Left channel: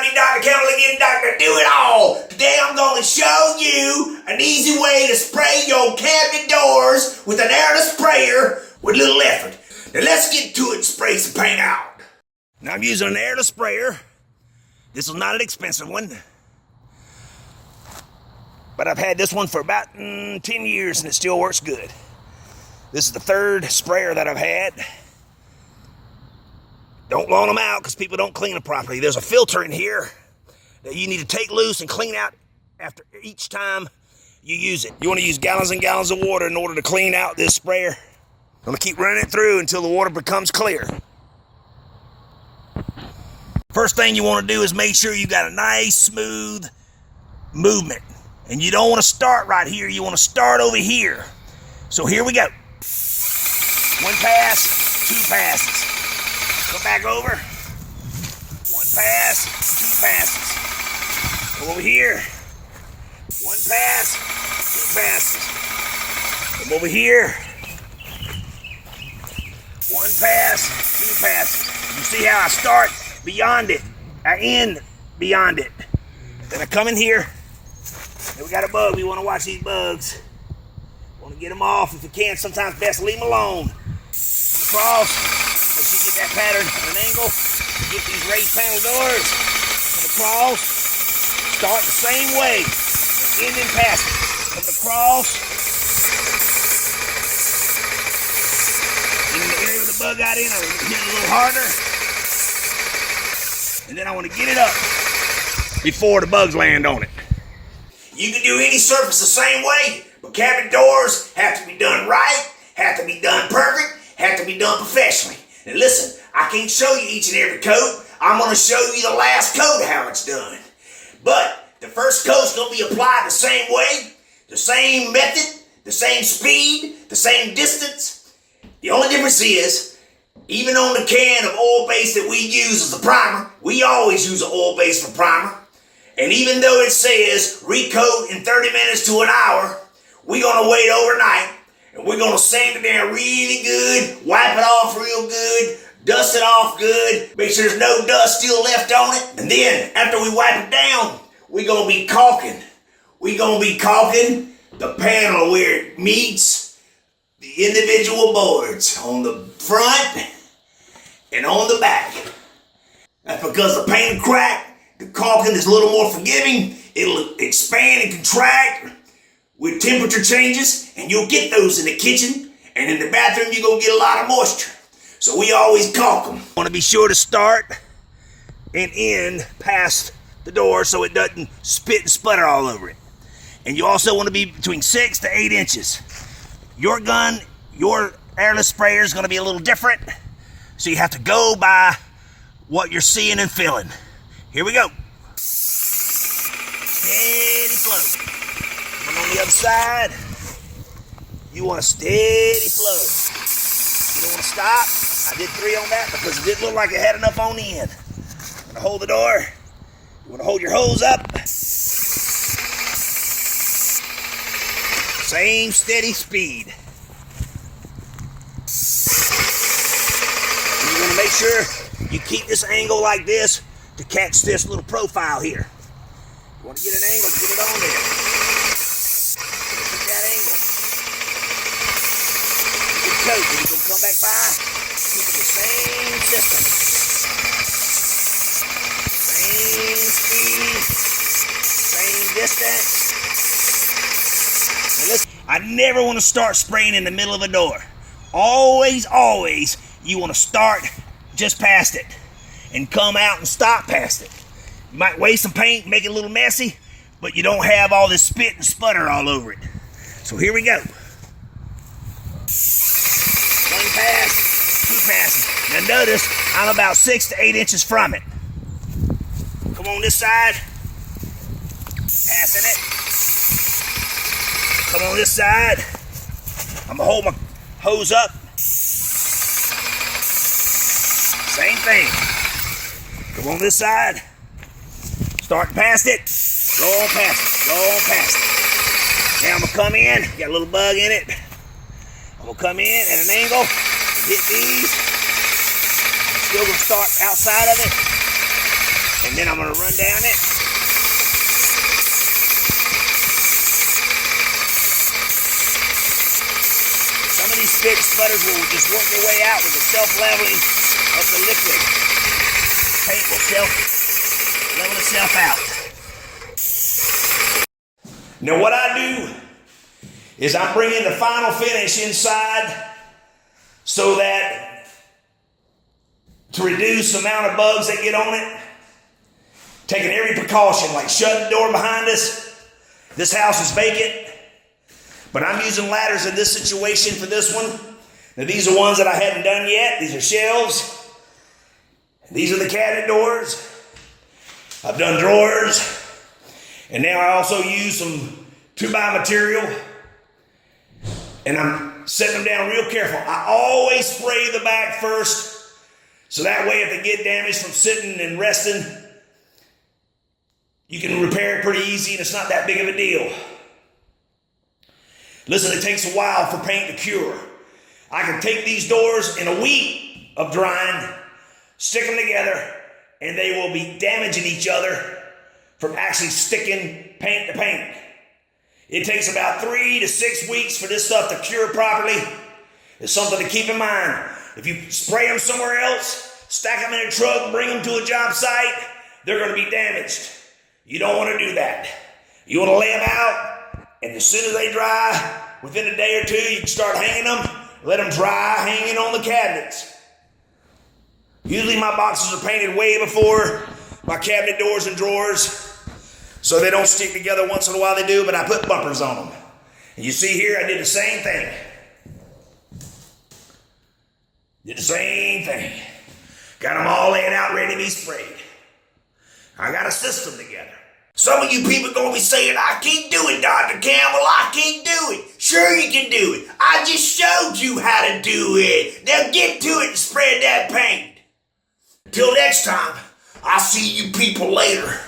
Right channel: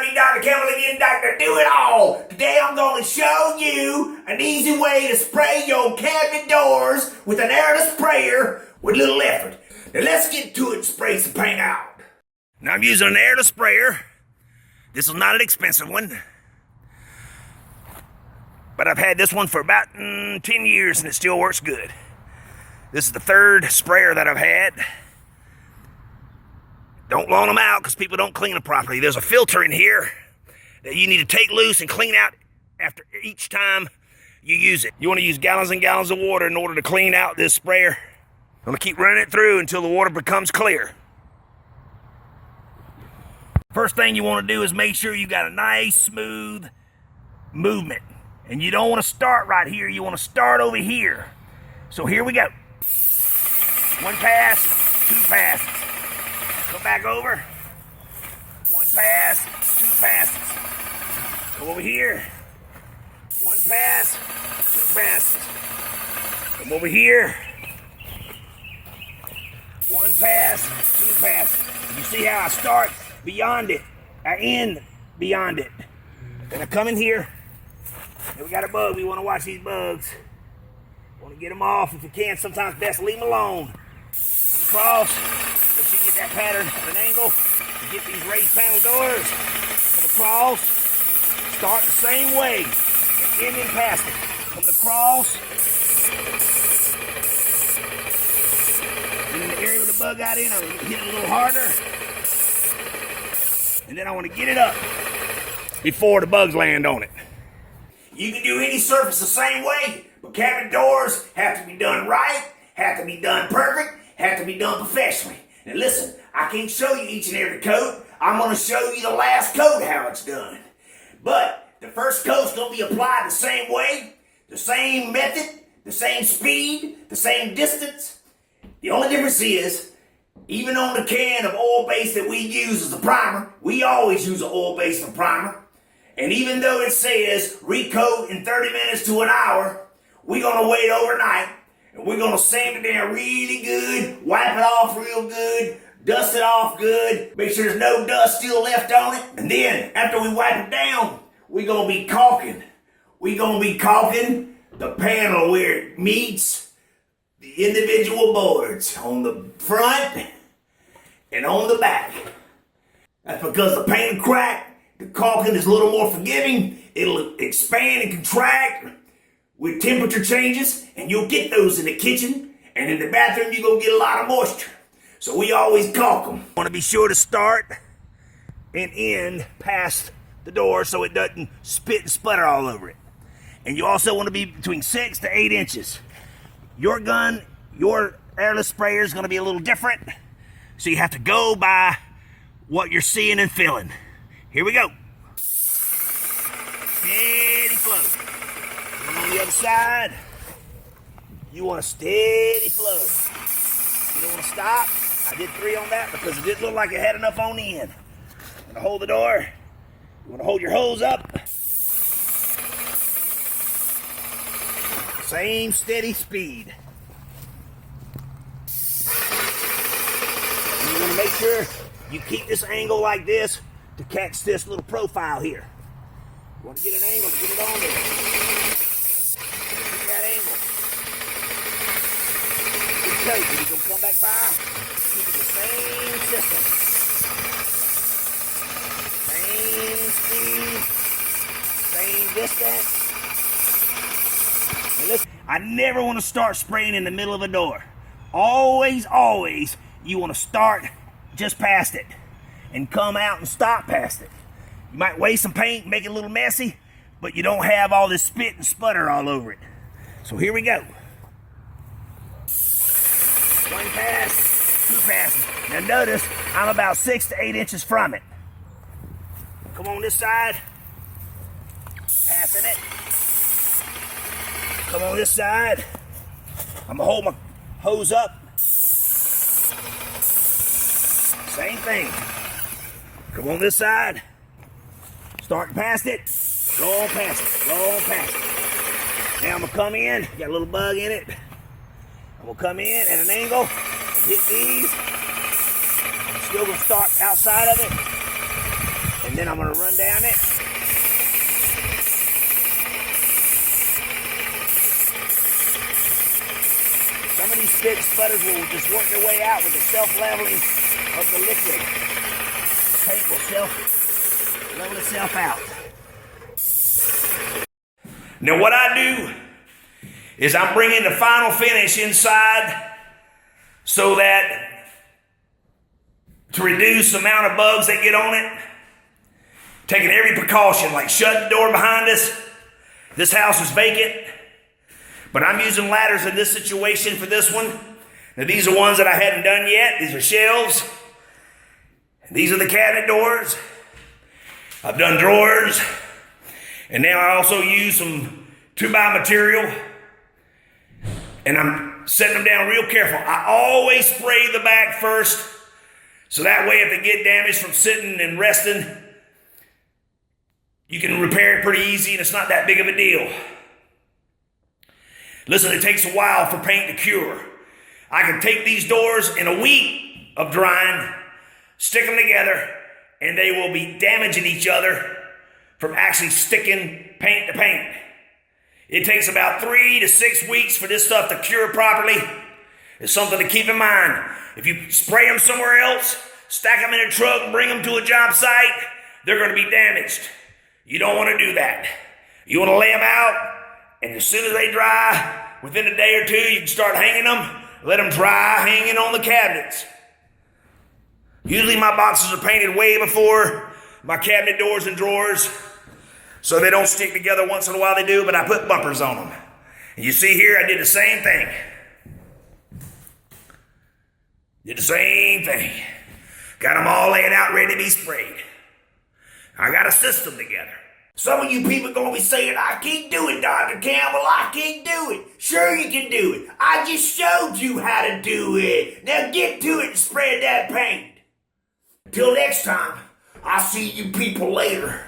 everybody, Dr. Campbell again, Dr. Do It All. Today I'm going to show you an easy way to spray your cabinet doors with an airless sprayer with little effort. Now let's get to it and spray some paint out. Now I'm using an airless sprayer. This is not an expensive one, but I've had this one for about 10 years and it still works good. This is the third sprayer that I've had. Don't loan them out because people don't clean them properly. There's a filter in here that you need to take loose and clean out after each time you use it. You want to use gallons and gallons of water in order to clean out this sprayer. I'm going to keep running it through until the water becomes clear. First thing you want to do is make sure you got a nice smooth movement. And you don't want to start right here. You want to start over here. So here we go. One pass, two passes. Come back over. One pass, two passes. Come over here. One pass, two passes. Come over here. One pass, two passes. You see how I start beyond it. I end beyond it. Then I come in here. And we got a bug. We want to watch these bugs. Want to get them off if you can. Sometimes best leave them alone. Come across. Make sure you get that pattern at an angle. Get these raised panel doors. Come across. Start the same way. And end and pass it. Come across. And in the area where the bug got in, I hit it a little harder. And then I want to get it up before the bugs land on it. You can do any surface the same way, but cabinet doors have to be done right, have to be done perfect, have to be done professionally. And listen, I can't show you each and every coat. I'm going to show you the last coat how it's done. But the first coat's going to be applied the same way, the same method, the same speed, the same distance. The only difference is, even on the can of oil base that we use as a primer, we always use an oil base for primer. And even though it says recoat in 30 minutes to an hour, we're going to wait overnight. And we're going to sand it down really good, wipe it off real good, dust it off good, make sure there's no dust still left on it. And then, after we wipe it down, we're going to be caulking. We're going to be caulking the panel where it meets the individual boards on the front and on the back. That's because the paint will crack. The caulking is a little more forgiving. It'll expand and contract with temperature changes, and you'll get those in the kitchen, and in the bathroom you're going to get a lot of moisture. So we always caulk them. Want to be sure to start and end past the door so it doesn't spit and sputter all over it. And you also want to be between 6 to 8 inches. Your gun, your airless sprayer is going to be a little different, so you have to go by what you're seeing and feeling. Here we go. Steady flow. And on the other side, you want a steady flow. You don't want to stop. I did 3 on that because it didn't look like it had enough on the end. You want to hold the door. You want to hold your hose up. Same steady speed. And you want to make sure you keep this angle like this to catch this little profile here. You want to get an angle, get it on there. Keep that angle. Good coat. When you're going to come back by, keep it the same system. Same speed, same distance. And listen, I never want to start spraying in the middle of a door. Always, always, you want to start just past it and come out and stop past it. You might waste some paint, make it a little messy, but you don't have all this spit and sputter all over it. So here we go. 1 pass, 2 passes. Now notice, I'm about 6 to 8 inches from it. Come on this side, passing it. Come on this side. I'm gonna hold my hose up. Same thing. Come on this side. Start past it. Go on past it. Go on past it. Now I'm gonna come in. Got a little bug in it. I'm gonna come in at an angle and hit these. I'm still gonna start outside of it And then I'm gonna run down it. Some of these stick sputters will just work their way out with the self-leveling of the liquid. Paint will self-level itself out. Now what I do is I'm bringing the final finish inside so that to reduce the amount of bugs that get on it, taking every precaution, like shutting the door behind us. This house is vacant, but I'm using ladders in this situation for this one. Now these are ones that I hadn't done yet. These are shelves. These are the cabinet doors. I've done drawers. And now I also use some 2x material. And I'm setting them down real careful. I always spray the back first. So that way if they get damaged from sitting and resting, you can repair it pretty easy and it's not that big of a deal. Listen, it takes a while for paint to cure. I can take these doors in a week of drying, stick them together, and they will be damaging each other from actually sticking paint to paint. It takes about 3 to 6 weeks for this stuff to cure properly. It's something to keep in mind. If you spray them somewhere else, stack them in a truck, bring them to a job site, they're going to be damaged. You don't want to do that. You want to lay them out, and as soon as they dry, within a day or two, you can start hanging them. Let them dry hanging on the cabinets. Usually my boxes are painted way before my cabinet doors and drawers, so they don't stick together. Once in a while they do, but I put bumpers on them. And you see here, I did the same thing. Did the same thing. Got them all laying out ready to be sprayed. I got a system together. Some of you people gonna be saying, I can't do it, Dr. Campbell, I can't do it. Sure you can do it. I just showed you how to do it. Now get to it and spread that paint. Till next time, I'll see you people later.